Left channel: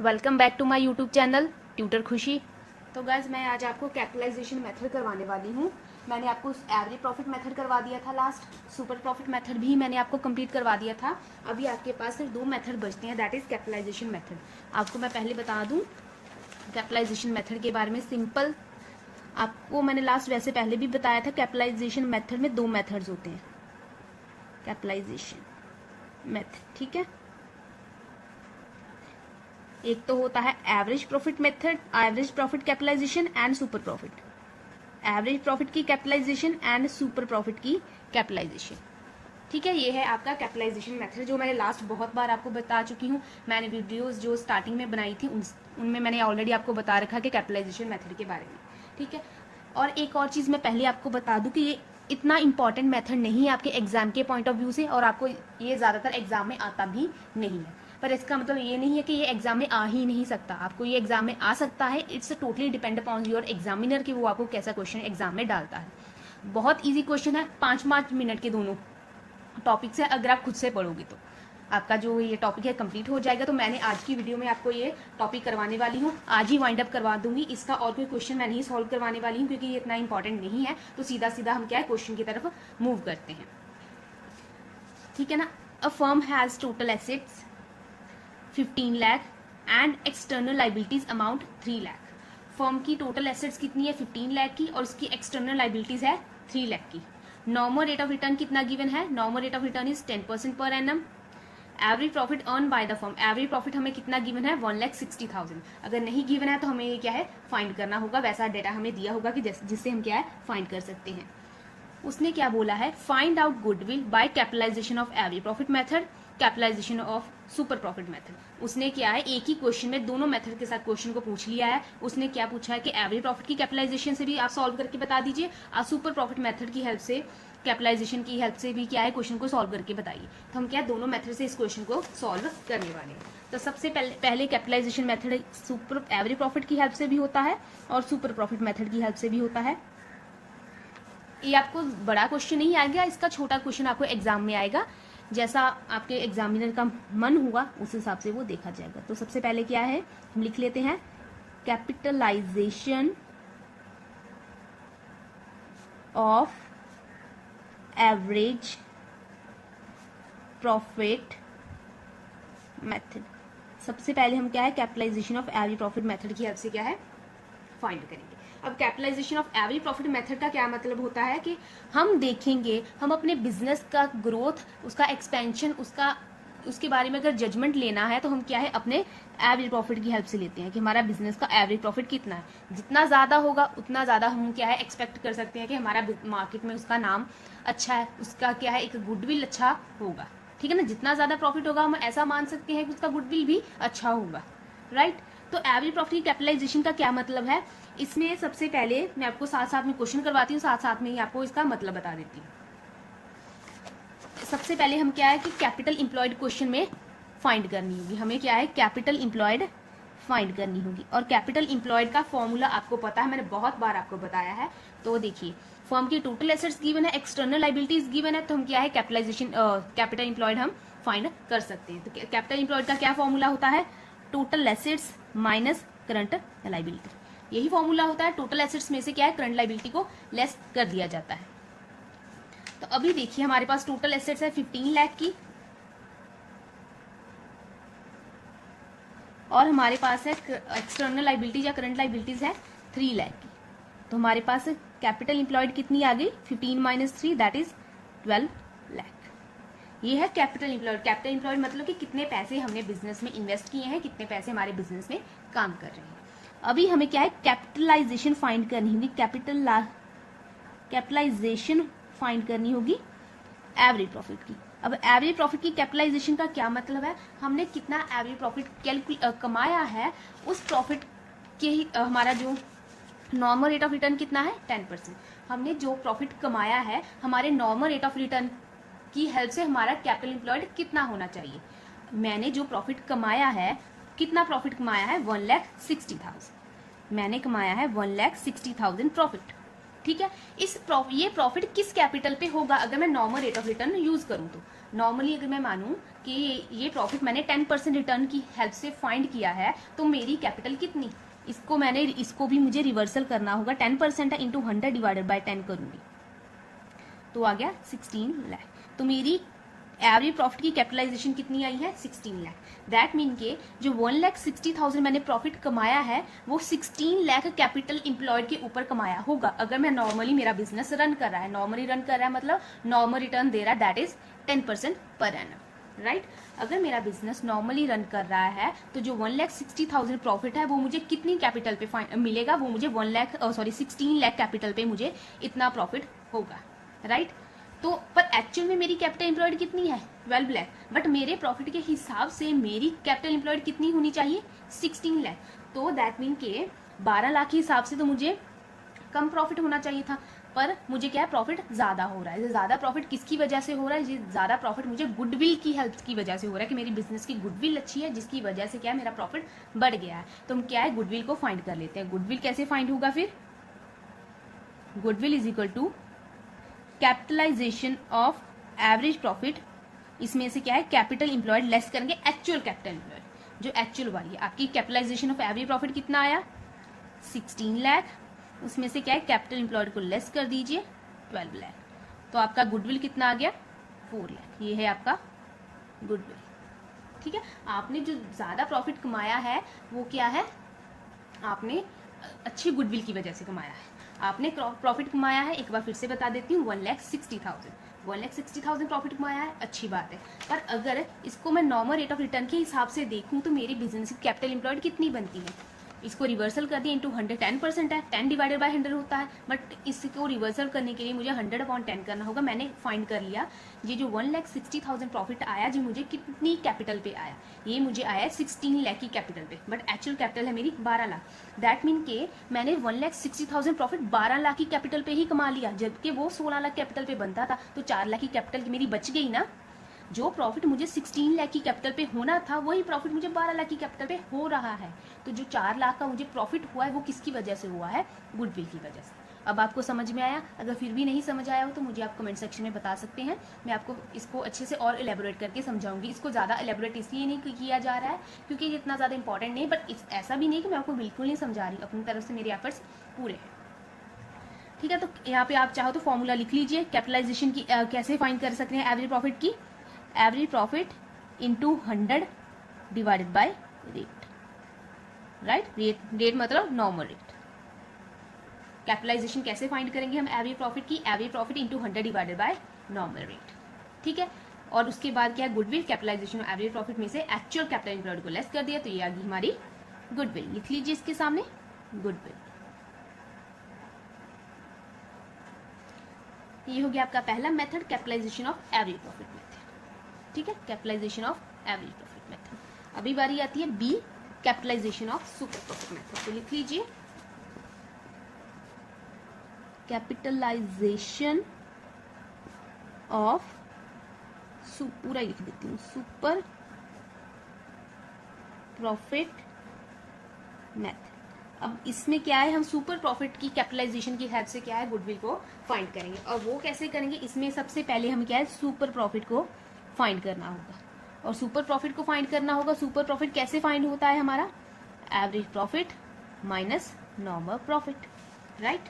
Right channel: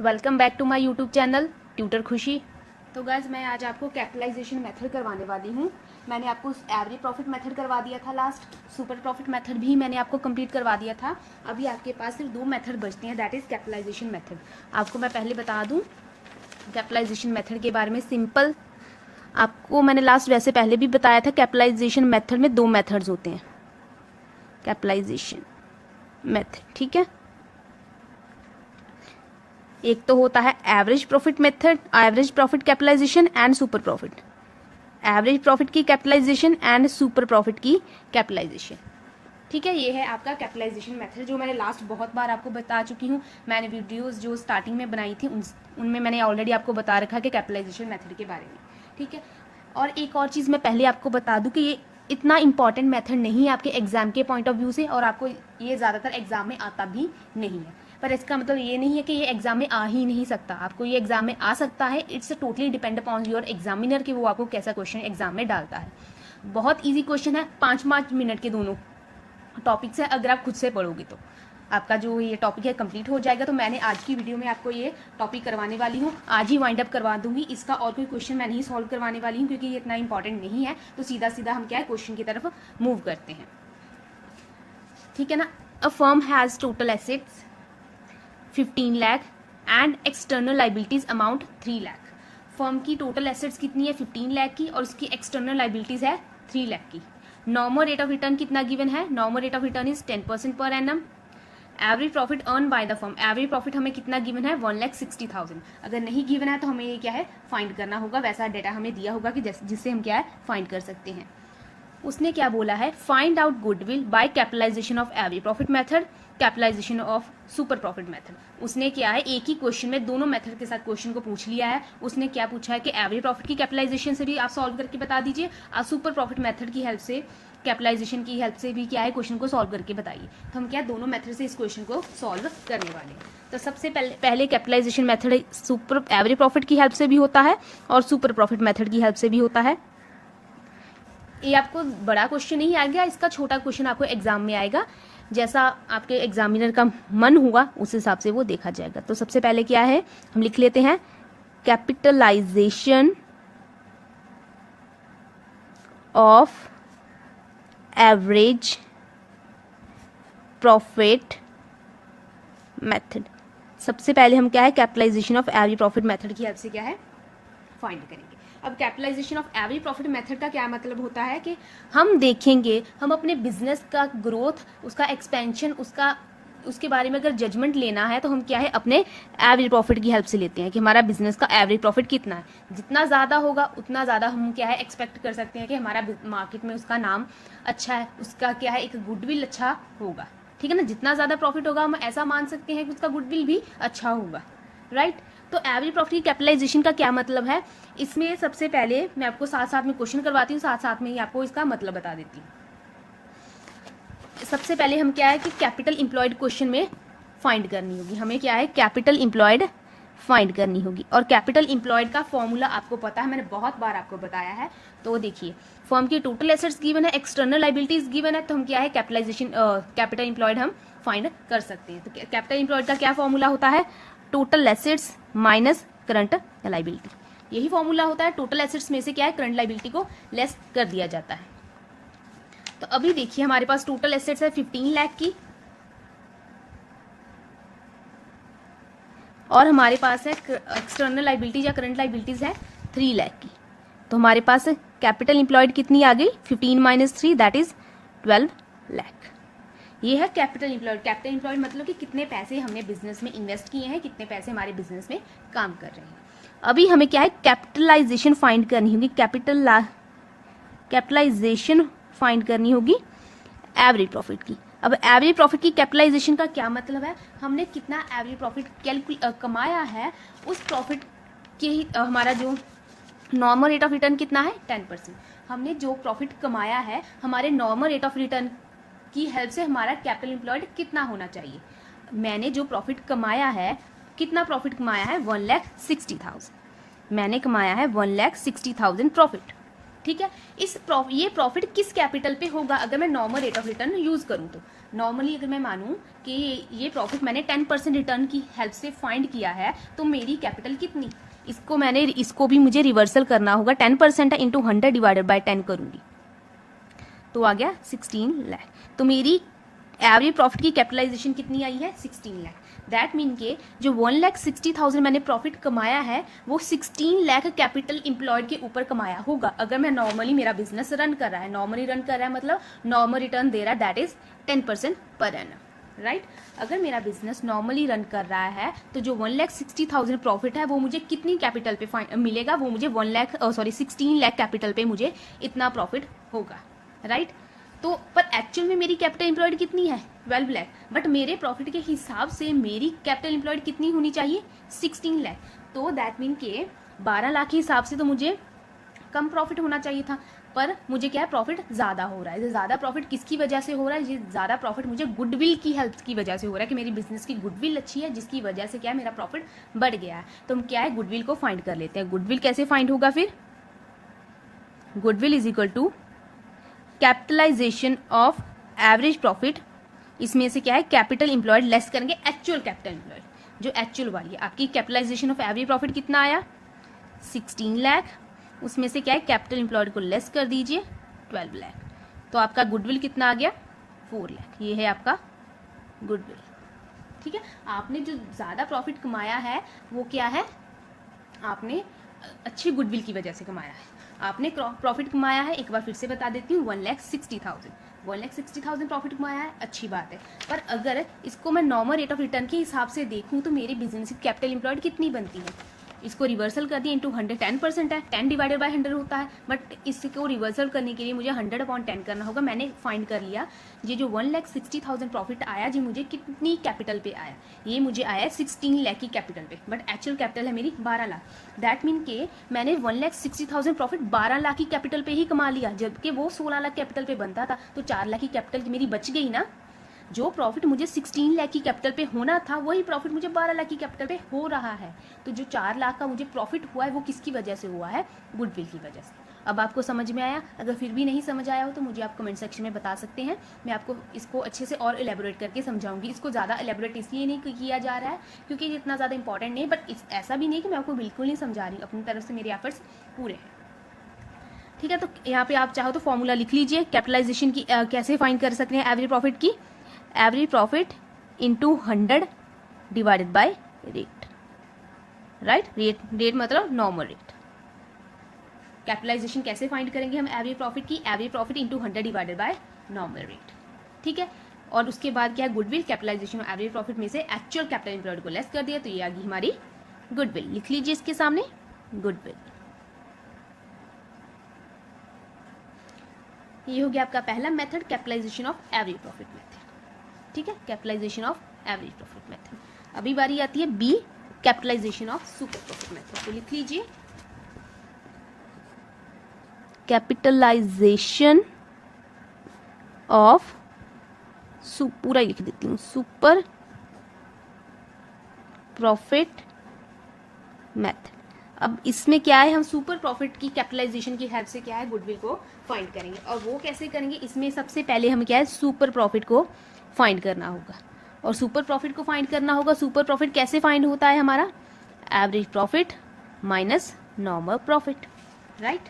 Welcome back to my YouTube channel tutor Khushi. तो guys मैं आज आपको कैपिटलाइजेशन मेथड करवाने वाली हूँ। मैंने आपको एवरेज प्रॉफिट मेथड करवा दिया था लास्ट, सुपर प्रॉफिट मेथड भी मैंने आपको कंप्लीट करवा दिया था। अभी आपके पास सिर्फ दो मेथड बचते हैं, दैट इज कैपिटलाइजेशन मेथड। आपको मैं पहले बता दूँ कैपिटलाइजेशन मेथड के बारे में। सिंपल आपको मैंने लास्ट वैसे पहले भी बताया था, कैपिटलाइजेशन मेथड में दो मेथड्स होते हैं कैपिटलाइजेशन मेथड, ठीक है। एक तो होता है average profit method, average profit capitalisation and super profit. Average profit की कैपिटलाइजेशन एंड सुपर प्रॉफिट की कैपिटलाइजेशन, ठीक है। ये है आपका कैपिटलाइजेशन मेथड जो मैंने लास्ट बहुत बार आपको बता चुकी हूँ। मैंने वीडियोस जो स्टार्टिंग में बनाई थी उनमें मैंने ऑलरेडी आपको बता रखा है कि कैपिटलाइजेशन मेथड के बारे में, ठीक है। और एक और चीज़ मैं पहले आपको बता दूं कि ये इतना इंपॉर्टेंट मेथड नहीं है आपके एग्जाम के पॉइंट ऑफ व्यू से, और आपको ये ज़्यादातर एग्जाम में आता भी नहीं है। पर इसका मतलब ये नहीं है कि ये एग्जाम में आ ही नहीं सकता, आपको ये एग्जाम में आ सकता है। It's totally depend upon your examiner कि वो आपको कैसा क्वेश्चन एग्जाम में डालता है। बहुत ईजी क्वेश्चन है, 5-5 मिनट के दोनों टॉपिक से अगर आप खुद से पढ़ोगे तो आपका जो ये टॉपिक है कंप्लीट हो जाएगा। तो मैंने आज की वीडियो में आपको ये टॉपिक करवाने वाली हूँ, आज ही वाइंड अप करवा दूंगी। इसका और कोई क्वेश्चन मैं नहीं सॉल्व करवाने वाली हूँ क्योंकि ये इतना इंपॉर्टेंट नहीं है। तो सीधा सीधा हम क्या है क्वेश्चन की तरफ मूव करते हैं, ठीक है ना। A firm has total assets 15 lakh and external liabilities amount 3 lakh. Firm की टोटल एसेट्स कितनी है 15 लाख की, और उसकी एक्सटर्नल लाइबिलिटीज है 3 लाख की। नॉर्मल रेट ऑफ रिटर्न कितना गिवन है, normal rate of return is 10% per annum. Average profit earn by the firm, average profit हमें कितना गिवन है 1,60,000। अगर नहीं गिवन है तो हमें ये क्या है फाइंड करना होगा, वैसा डेटा हमें दिया होगा कि जिससे हम क्या है फाइंड कर सकते हैं। उसने क्या बोला है, find out goodwill by capitalisation of average profit method, capitalisation of super profit method. उसने क्या है एक ही क्वेश्चन में दोनों मेथड के साथ क्वेश्चन को पूछ लिया है। उसने क्या पूछा है कि एवरेज प्रॉफिट की कैपिटलाइजेशन से भी आप सॉल्व करके बता दीजिए, और सुपर प्रॉफिट मेथड की हेल्प से, कैपिटलाइजेशन की हेल्प से भी क्या है क्वेश्चन को सॉल्व करके बताइए। तो हम क्या दोनों मेथड से इस क्वेश्चन को सॉल्व करने वाले हैं। तो सबसे पहले capitalisation method super average profit की हेल्प से भी होता है और सुपर प्रॉफिट मेथड की हेल्प से भी होता है। ये आपको बड़ा क्वेश्चन नहीं आएगा, इसका छोटा क्वेश्चन आपको एग्जाम में आएगा। जैसा आपके एग्जामिनर का मन हुआ उस हिसाब से वो देखा जाएगा। तो सबसे पहले क्या है हम लिख लेते हैं, capitalisation of average profit method. सबसे पहले हम क्या है capitalisation of average profit method की हेल्प से क्या है फाइंड करेंगे। अब capitalisation of average profit method का क्या मतलब होता है कि हम देखेंगे, हम अपने बिजनेस का ग्रोथ, उसका एक्सपेंशन, उसके बारे में अगर जजमेंट लेना है तो हम क्या है अपने एवरेज प्रॉफिट की हेल्प से लेते हैं कि हमारा बिजनेस का एवरेज प्रॉफिट कितना है। जितना ज़्यादा होगा उतना ज़्यादा हम क्या है एक्सपेक्ट कर सकते हैं कि हमारा मार्केट में उसका नाम अच्छा है, उसका क्या है एक गुडविल अच्छा होगा, ठीक है ना। जितना ज़्यादा प्रॉफिट होगा हम ऐसा मान सकते हैं कि उसका गुडविल भी अच्छा होगा, राइट। तो एवरेज प्रॉफिट की कैपिटलाइजेशन का क्या मतलब है, इसमें सबसे पहले मैं आपको साथ साथ में क्वेश्चन करवाती हूँ, साथ साथ में ही आपको इसका मतलब बता देती हूँ। सबसे पहले हम क्या है कि कैपिटल इंप्लॉयड क्वेश्चन में फाइंड करनी होगी, हमें क्या है कैपिटल इंप्लॉयड फाइंड करनी होगी। और कैपिटल इंप्लॉयड का फॉर्मूला आपको पता है, मैंने बहुत बार आपको बताया है। तो देखिए फर्म की टोटल एसेट्स गिवन है, एक्सटर्नल लाइबिलिटीज गिवन है, तो हम क्या है कैपिटल इंप्लॉयड हम फाइंड कर सकते हैं। तो कैपिटल इंप्लॉयड का क्या फॉर्मूला होता है, total assets minus current liability. यही फॉर्मूला होता है, टोटल एसेट्स में से क्या है करंट लाइबिलिटी को लेस कर दिया जाता है। तो अभी देखिए हमारे पास टोटल एसेट्स है 15 लाख की, और हमारे पास है एक्सटर्नल लाइबिलिटीज या करंट लाइबिलिटीज है 3 लाख की। तो हमारे पास कैपिटल इंप्लॉयड कितनी आ गई 15 माइनस 3 दैट इज 12 लाख। ये है कैपिटल इंप्लॉयड। कैपिटल इंप्लॉयड मतलब कि कितने पैसे हमने बिजनेस में इन्वेस्ट किए हैं, कितने पैसे हमारे बिजनेस में काम कर रहे हैं। अभी हमें क्या है कैपिटलाइजेशन फाइंड करनी होगी, कैपिटलाइजेशन फाइंड करनी होगी एवरेज प्रॉफिट की। अब एवरेज प्रॉफिट की कैपिटलाइजेशन का क्या मतलब है, हमने कितना एवरेज प्रॉफिट कमाया है, उस प्रॉफिट के ही हमारा जो नॉर्मल रेट ऑफ रिटर्न कितना है 10%। हमने जो प्रॉफिट कमाया है हमारे नॉर्मल रेट ऑफ रिटर्न की हेल्प से हमारा कैपिटल इंप्लॉयड कितना होना चाहिए। मैंने जो प्रॉफिट कमाया है, कितना प्रॉफिट कमाया है 1,60,000, मैंने कमाया है 1,60,000 प्रॉफिट, ठीक है। ये प्रॉफिट किस कैपिटल पे होगा अगर मैं normal rate of return use करूं नॉर्मली अगर मैं मानूं कि ये प्रॉफिट मैंने 10% रिटर्न की हेल्प से फाइंड किया है, तो मेरी कैपिटल कितनी, इसको भी मुझे रिवर्सल करना होगा। 10% है इंटू 100 डिवाइडेड बाय 10 करूंगी तो आ गया 16 लाख। तो मेरी एवरेज प्रॉफिट की कैपिटलाइजेशन कितनी आई है, 16 लाख। दैट मीन के जो 1,60,000 मैंने प्रॉफिट कमाया है वो 16 लाख कैपिटल इंप्लॉयड के ऊपर कमाया होगा। अगर मैं नॉर्मली मेरा बिजनेस रन कर रहा है, नॉर्मली रन कर रहा है मतलब नॉर्मल रिटर्न दे रहा है, that is 10% per annum, right. अगर मेरा बिजनेस नॉर्मली रन कर रहा है तो जो 1,60,000 प्रॉफिट है वो मुझे कितनी कैपिटल पे मिलेगा, वो मुझे 16 लाख कैपिटल पे मुझे इतना प्रॉफिट होगा, राइट। तो पर एक्चुअल में मेरी कैपिटल एम्प्लॉयड कितनी है, 12 लाख, बट मेरे प्रॉफिट के हिसाब से मेरी कैपिटल एम्प्लॉयड कितनी होनी चाहिए, 16 लाख। तो दैट मीन के 12 लाख के हिसाब से तो मुझे कम प्रॉफिट होना चाहिए था, पर मुझे क्या है, प्रॉफिट ज्यादा हो रहा है। ज्यादा प्रॉफिट किसकी वजह से हो रहा है, ज्यादा प्रॉफिट मुझे गुडविल की हेल्प की वजह से हो रहा है कि मेरी बिजनेस की गुडविल अच्छी है, जिसकी वजह से क्या है, मेरा प्रॉफिट बढ़ गया है। तो हम क्या है, गुडविल को फाइंड कर लेते हैं। गुडविल कैसे फाइंड होगा फिर, goodwill is equal to capitalisation of average profit, इसमें से क्या है, कैपिटल इंप्लॉयड लेस करेंगे एक्चुअल कैपिटल इंप्लॉयड, जो एक्चुअल वाली है। आपकी कैपिटलाइजेशन ऑफ एवरेज प्रॉफिट कितना आया, 16 लाख, उसमें से क्या है, कैपिटल इंप्लॉयड को लेस कर दीजिए 12 लाख, तो आपका गुडविल कितना आ गया, 4 लाख। ये है आपका गुडविल, ठीक है। आपने जो ज्यादा प्रॉफिट कमाया है वो क्या है, आपने अच्छी गुडविल की वजह से कमाया है। आपने प्रॉफिट कमाया है, एक बार फिर से बता देती हूँ, 1,60,000 प्रॉफिट कमाया है, अच्छी बात है। पर अगर इसको मैं नॉर्मल रेट ऑफ रिटर्न के हिसाब से देखूं तो मेरी बिजनेस की कैपिटल एम्प्लॉयड कितनी बनती है, इसको रिवर्सल कर दिया इंटू 100, 10% है, 10 डिवाइडेड बाय 100 होता है, बट इसको रिवर्सल करने के लिए मुझे 100/10 करना होगा। मैंने फाइंड कर लिया, ये जो 1,60,000 प्रॉफिट आया, जी मुझे कितनी कैपिटल पे आया, ये मुझे आया 16 लाख की कैपिटल पे, बट एक्चुअल कैपिटल है मेरी 12 लाख। दैट मीन के मैंने 1,60,000 प्रॉफिट 12 लाख की कैपिटल पे ही कमा लिया, जबकि वो 16 लाख कैपिटल पे बनता था, तो 4 लाख की कैपिटल मेरी बच गई ना। जो प्रॉफिट मुझे 16 लाख की कैपिटल पे होना था, वही प्रॉफिट मुझे 12 लाख की कैपिटल पे हो रहा है। तो जो 4 लाख का मुझे प्रॉफिट हुआ है वो किसकी वजह से हुआ है, गुडविल की वजह से। अब आपको समझ में आया, अगर फिर भी नहीं समझ आया हो तो मुझे आप कमेंट सेक्शन में बता सकते हैं, मैं आपको इसको अच्छे से और एलेबोरेट करके समझाऊंगी। इसको ज़्यादा एलेबोरेट इसलिए नहीं किया जा रहा है क्योंकि ये इतना ज़्यादा इंपॉर्टेंट नहीं, बट ऐसा भी नहीं कि मैं आपको बिल्कुल नहीं समझा रही, अपनी तरफ से मेरे एफर्ट्स पूरे, ठीक है। तो यहाँ पे आप चाहो तो फॉर्मूला लिख लीजिए कैपिटलाइजेशन की, कैसे फाइंड कर सकते हैं एवरेज प्रॉफिट की, average profit into 100 divided by rate, right. Rate मतलब नॉर्मल रेट। कैपिटलाइजेशन कैसे फाइंड करेंगे हम एवरेज प्रॉफिट की, average profit into 100 divided by normal rate, ठीक है। और उसके बाद क्या है, goodwill, capitalization of average profit में से एक्चुअल कैपिटल एम्प्लॉयड को लेस कर दिया, तो ये आ गई हमारी गुडविल। लिख लीजिए इसके सामने गुडविल। ये हो गया आपका पहला method, capitalisation of average profit method, ठीक है, capitalisation of average profit method. अभी बारी आती है B, capitalization of super profit method. तो लिख लीजिए कैपिटलाइजेशन ऑफ, पूरा ही लिख देती हूँ, सुपर प्रॉफिट मेथड। अब इसमें क्या है, हम सुपर प्रॉफिट की कैपिटलाइजेशन की हेल्प से क्या है, गुडविल को फाइंड करेंगे। और वो कैसे करेंगे, इसमें सबसे पहले हमें क्या है, सुपर प्रॉफिट को फाइंड करना होगा। और सुपर प्रॉफिट को फाइंड करना होगा, सुपर प्रॉफिट कैसे फाइंड होता है हमारा, average profit minus normal profit, right.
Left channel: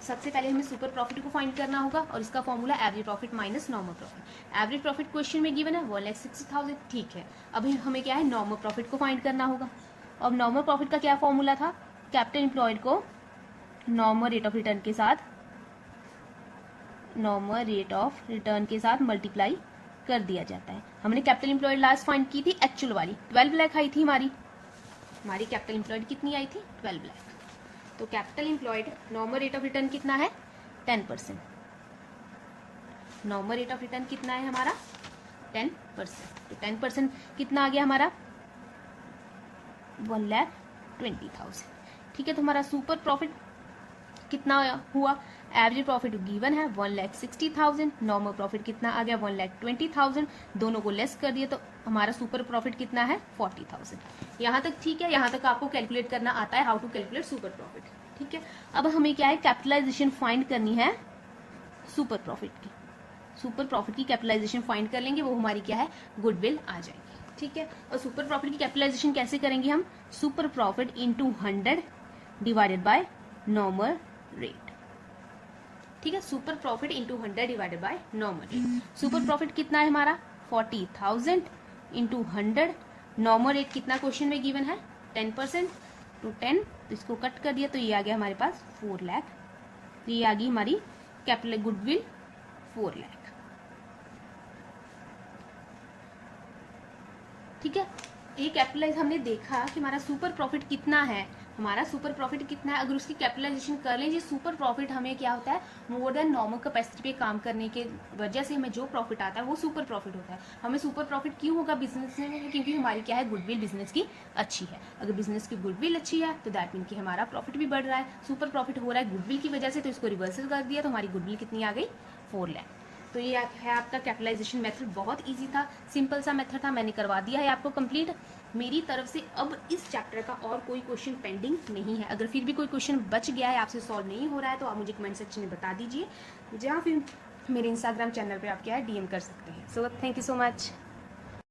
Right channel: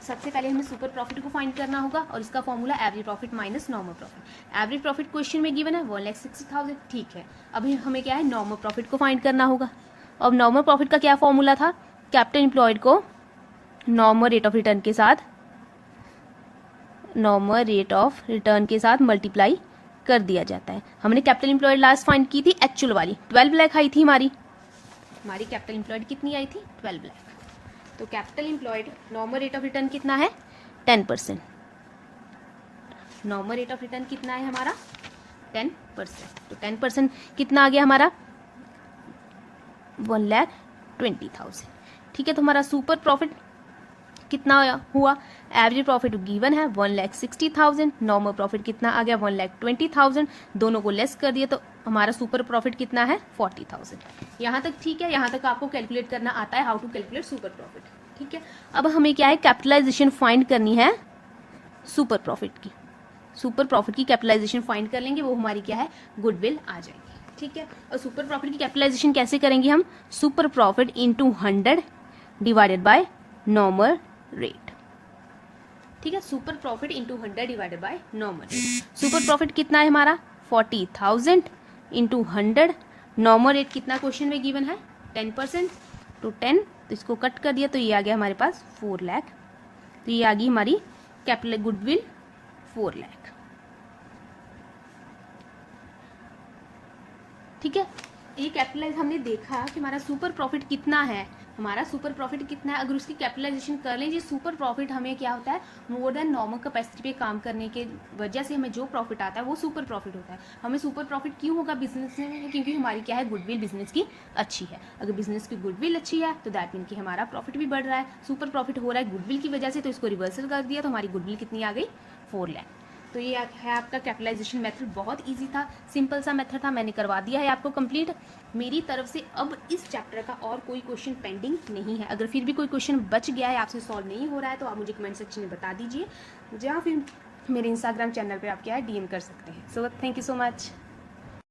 सबसे पहले हमें सुपर प्रॉफिट को फाइंड करना होगा और इसका formula average profit minus normal profit. Average profit question में गिवन है 1,60,000, ठीक है। अभी हमें क्या है, नॉर्मल प्रॉफिट को फाइंड करना होगा। अब नॉर्मल प्रॉफिट का क्या फॉर्मूला था, कैपिटल एम्प्लॉयड को नॉर्मल रेट ऑफ रिटर्न के साथ मल्टीप्लाई कर दिया जाता है। हमने कैपिटल एम्प्लॉयड लास्ट फाइंड की थी एक्चुअल वाली, 12 लाख आई थी हमारी कैपिटल एम्प्लॉयड कितनी आई थी, 12 लाख। तो capital employed normal rate of return कितना है, 10%। नॉर्मल रेट ऑफ रिटर्न कितना है हमारा, 10%। तो 10% कितना आ गया हमारा, 1,20,000, ठीक है। तो हमारा सुपर प्रॉफिट कितना हुआ, एवरेज प्रॉफिट गिवन है 1,60,000, नॉर्मल प्रॉफिट कितना आ गया 1,20,000, दोनों को लेस कर दिया तो हमारा सुपर प्रॉफिट कितना है 40,000। यहाँ तक ठीक है, यहाँ तक आपको कैलकुलेट करना आता है, how to calculate super profit, ठीक है। अब हमें क्या है, कैपिटलाइजेशन फाइंड करनी है सुपर प्रॉफिट की। सुपर प्रॉफिट की कैपिटलाइजेशन फाइंड कर लेंगे, वो हमारी क्या है, गुडविल आ जाएगी। ठीक है, और सुपर प्रॉफिट की कैपिटलाइजेशन कैसे करेंगे हम, super profit into 100 divided by normal rate. ठीक है, super profit into 100 divided by normal rate. Super profit कितना है हमारा 40,000 इंटू 100, नॉर्मल रेट कितना क्वेश्चन में गिवन है 10%, तो 10, तो इसको कट कर दिया तो ये आ गया हमारे पास 4 लाख। तो ये आ गई हमारी कैपिटल गुडविल 4 लाख। ठीक है, ये कैपिटलाइज हमने देखा कि हमारा सुपर प्रॉफिट कितना है, हमारा सुपर प्रॉफिट कितना है। अगर उसकी कैपिटलाइजेशन कर लें, ये सुपर प्रॉफिट हमें क्या होता है, मोर देन नॉर्मल कैपेसिटी पे काम करने के वजह से हमें जो प्रॉफिट आता है वो सुपर प्रॉफिट होता है। हमें सुपर प्रॉफिट क्यों होगा बिजनेस में, क्योंकि हमारी क्या है, गुडविल बिजनेस की अच्छी है। अगर बिजनेस की गुडविल अच्छी है तो दैट मीन कि हमारा प्रॉफिट भी बढ़ रहा है, सुपर प्रॉफिट हो रहा है गुडविल की वजह से, तो इसको रिवर्सल कर दिया तो हमारी गुडविल कितनी आ गई 4 लाख। तो ये है आपका कैपिटलाइजेशन मेथड, बहुत इजी था, सिंपल सा मेथड था, मैंने करवा दिया है आपको कंप्लीट मेरी तरफ से। अब इस चैप्टर का और कोई क्वेश्चन पेंडिंग नहीं है। अगर फिर भी कोई क्वेश्चन बच गया है, आपसे सॉल्व नहीं हो रहा है, तो आप मुझे कमेंट सेक्शन में बता दीजिए, या फिर मेरे इंस्टाग्राम चैनल पे आप क्या है डीएम कर सकते हैं। So thank you so much.